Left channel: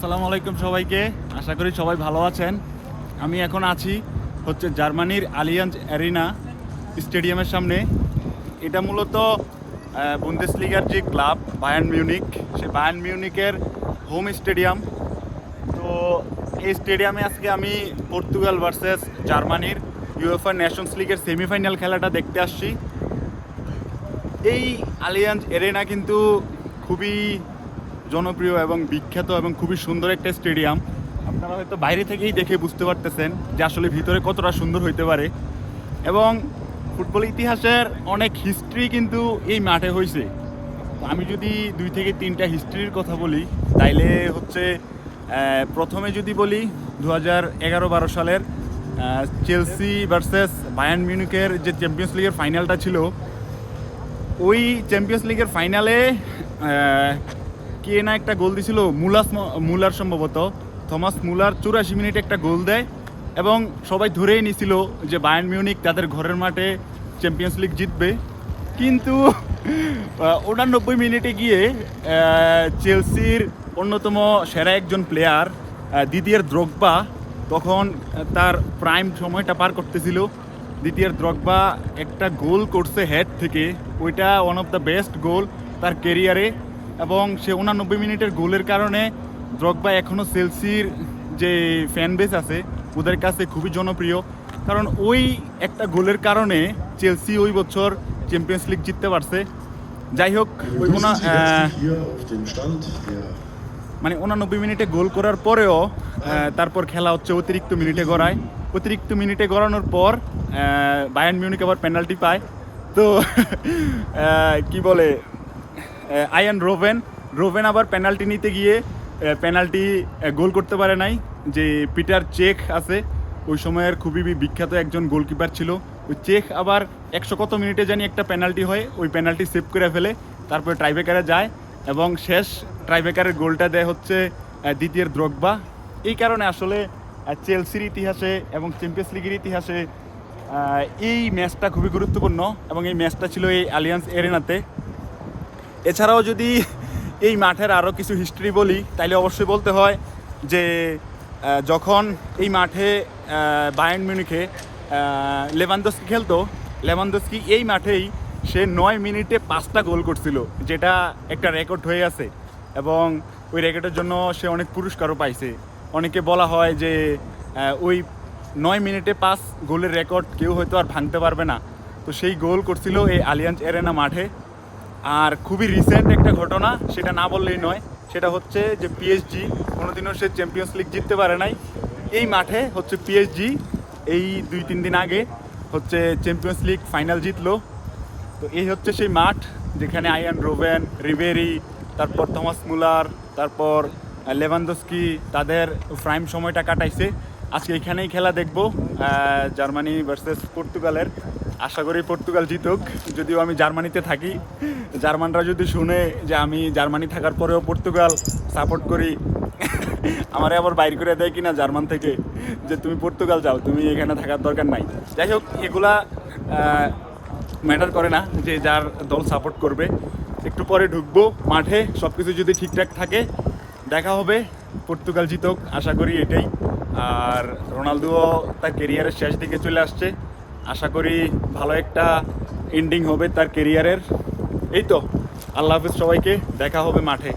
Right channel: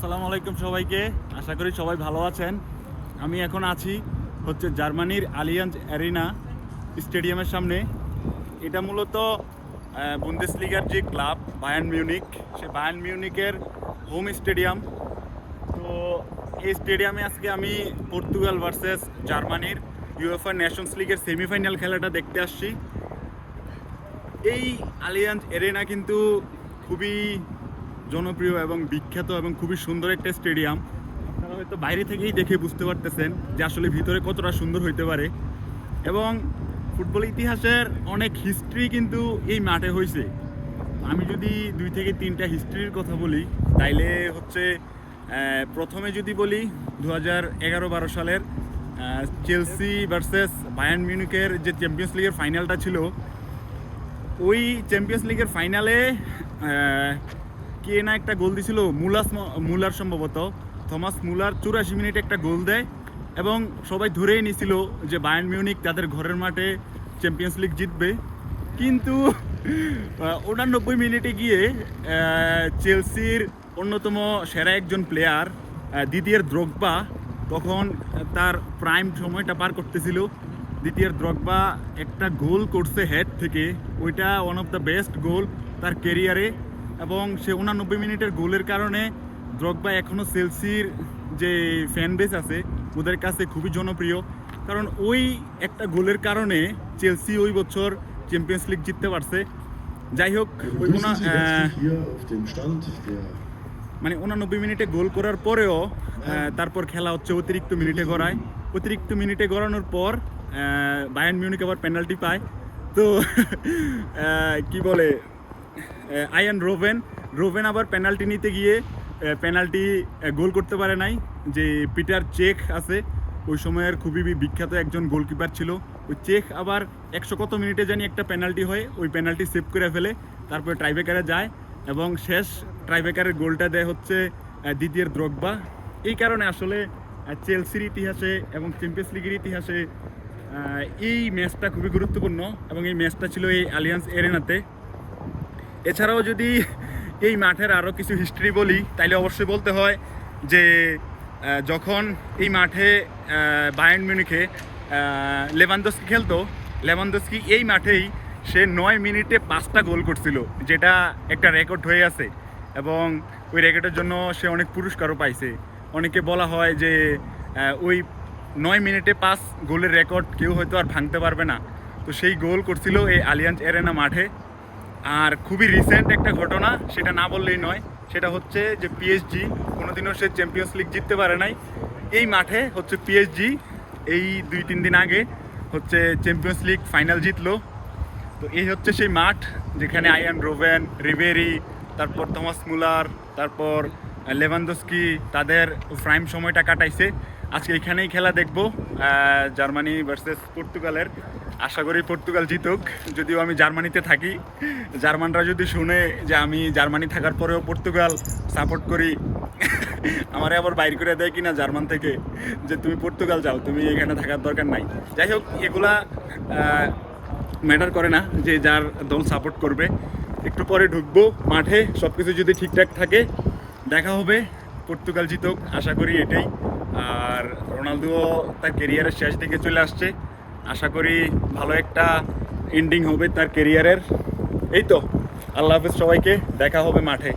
আসসালামু আলাইকুম সবাইকে। আশা করি সবাই ভালো আছেন। আমি এখন আছি জার্মানির আলিয়াঞ্জ অ্যারিনা স্টেডিয়ামের সামনে। এটা মূলত বুন্দেসলিগার যে ক্লাব বায়ার্ন মিউনিক, সে বায়ার্ন মিউনিকের হোম স্টেডিয়াম। তো এই স্টেডিয়ামে আজকে আমি পর্তুগাল ভার্সেস জার্মানির ইউএফএ নেশনস লিগের সেমিফাইনাল খেলাটা দেখতে আসছি। এই আলিয়াঞ্জ অ্যারিনা কিন্তু খুবই জনপ্রিয় এবং বিখ্যাত এবং খুবই সুন্দর একটা স্টেডিয়াম। আপনারা হয়তো বাইরে থেকেই দেখে বুঝতে পারতেছেন যে আসলে ভিতরে কতটা সুন্দর হইতে পারে। এবং ফুটবল ইতিহাসের অনেক হিস্ট্রি কিন্তু এই মাঠে হয়েছে। আমি যদি 2 থেকে 3টা হিস্ট্রির কথা বলি, তাইলে প্রথমে যদি বলি 2011-12 সালের চেলসি ভার্সেস বায়ার্ন মিউনিকের যে চ্যাম্পিয়ন্স লিগের ফাইনালটা ছিল, ওই চ্যাম্পিয়ন্স লিগের ফাইনালে কে না একটা গোল দিছিল, মুলার সম্ভবত থমাস মুলার 84 মিনিটে একটা গোল দেয় এবং সবাই ধরেই নিছিল যে বায়ার্ন মিউনিক তাদের ঘরের মাঠে চ্যাম্পিয়ন্স লিগ জিতবে। কিন্তু 89 মিনিটে গিয়ে চেলসির অন্যতম সেরা একজন প্লেয়ার দিদিয়ের দ্রগবা তখন তার প্রাইম সময়টা পার করতেছিল। দিদিয়ের দ্রগবা একটা গোল করছে হেড থেকে, ওইটা ওয়ান অফ দ্য বেস্ট গোল তার ক্যারিয়ারে। এবং সে 89 মিনিটের গোলের কারণে দ্রগবা এখনও চেলসির যে ফ্যান বেস আছে ওদের কাছে খুবই জনপ্রিয়, কারণ ওই একটা গোলের কারণে চেলসি ওই বছর চ্যাম্পিয়ন্স লিগ জিততে পারছে। যাই হোক, ওই 89 মিনিটে গোল করার পরেও তারপর খেলা অতিরিক্ত মিনিটে গড়ায়। অতিরিক্ত মিনিটে গড়ানোর পর বায়ার্ন মিউনিক আবার পেনাল্টি পায়। তো কি বলে, আয়ান রোভেন আবার পেনাল্টি নিতে গিয়ে পেনাল্টি গোল করতে পারে নাই। যে পিটার চেক আছে, ওই সময়ের খুবই বিখ্যাত একজন গোলকিপার ছিল, ওই চেক আবার 100 কত মিনিটে জানি একটা পেনাল্টি হয়, ওই পেনাল্টি সেভ করে ফেলে, তারপরে ট্রাইব্রেকারে যায় এবং শেষ ট্রাইব্রেকারের গোলটা দেয় দ্বিতীয় দ্রগবা। এই কারণে আসলে চেলসির ইতিহাসে এবং চ্যাম্পিয়ন্স লিগের ইতিহাসে এই ম্যাচটা খুবই গুরুত্বপূর্ণ এবং এই ম্যাচটা ছিল এই আলিয়াঞ্জ অ্যারিনাতে। এছাড়াও যদি এই মাঠের আরও কিছু হিস্ট্রি বলি, তাইলে অবশ্যই বলতে হয় যে যখন এই মাঠে বায়ার্ন মিউনিখে লেভানডস্কি খেলতো, লেভানডস্কি এই মাঠেই সে 9 মিনিটে 5টা গোল করছিল, যেটা একটা রেকর্ড হয়ে আছে এবং ওই রেকর্ডের জন্য সে অনেক পুরস্কারও পাইছে। অনেকে বলা হয় যে ওই 9 মিনিটে 5 গোলের রেকর্ড কেউ হয়তো আর ভাঙতে পারবে না। তো সেই গোল করছিল এই আলিয়াঞ্জ অ্যারিনা মাঠে। আর খুবই রিসেন্ট একটা ঘটনা, সেটা না বললেই নয়, সেটা হচ্ছে যে পিএসজি কোনোদিনও সে চ্যাম্পিয়ন্স লিগ জিততে পারে নাই। এই মাঠে পিএসজি এই 2-3 দিন আগে চ্যাম্পিয়ন্স লিগ ফাইনাল জিতলো। তো এই সেই মাঠ যেখানে আয়ান রোভেন, রিবেরি, তারপর থমাস মুলার, তারপর লেভানডস্কি তাদের প্রাইম সময়টা কাটাইছে। আজকে এখানেই খেলা দেখবো জার্মানি ভার্সেস পর্তুগালের। আশা করি পর্তুগাল জিতুক, যদিও আমি জার্মানিতে থাকি। জার্মানরা যদি শুনে যে আমি জার্মানি থাকার পরেও পর্তুগাল সাপোর্ট করি, আমারে আবার বাইর করে দেয় কিনা জার্মান থেকে, যে তুমি পর্তুগাল যাও, তুমি এখানে থাকার দরকার নাই। যাই হোক, এগুলা ম্যাটার করে না যে যার দল সাপোর্ট করবে। একটু পরে ঢুকবো মাঠে, সব কিছু যদি ঠিকঠাক থাকে দেখা হবে। পর্তুগাল জিতুক, আশা করি এটাই। আর রোনালদোও তার ক্যারিয়ারের শেষ দিকে চলে আসছে, আশা করি ভালো একটা এন্ডিং হবে তার ক্যারিয়ারের। এই তো, আল্লাহ হাফেজ সবাইকে, দেখা হবে মাঠে।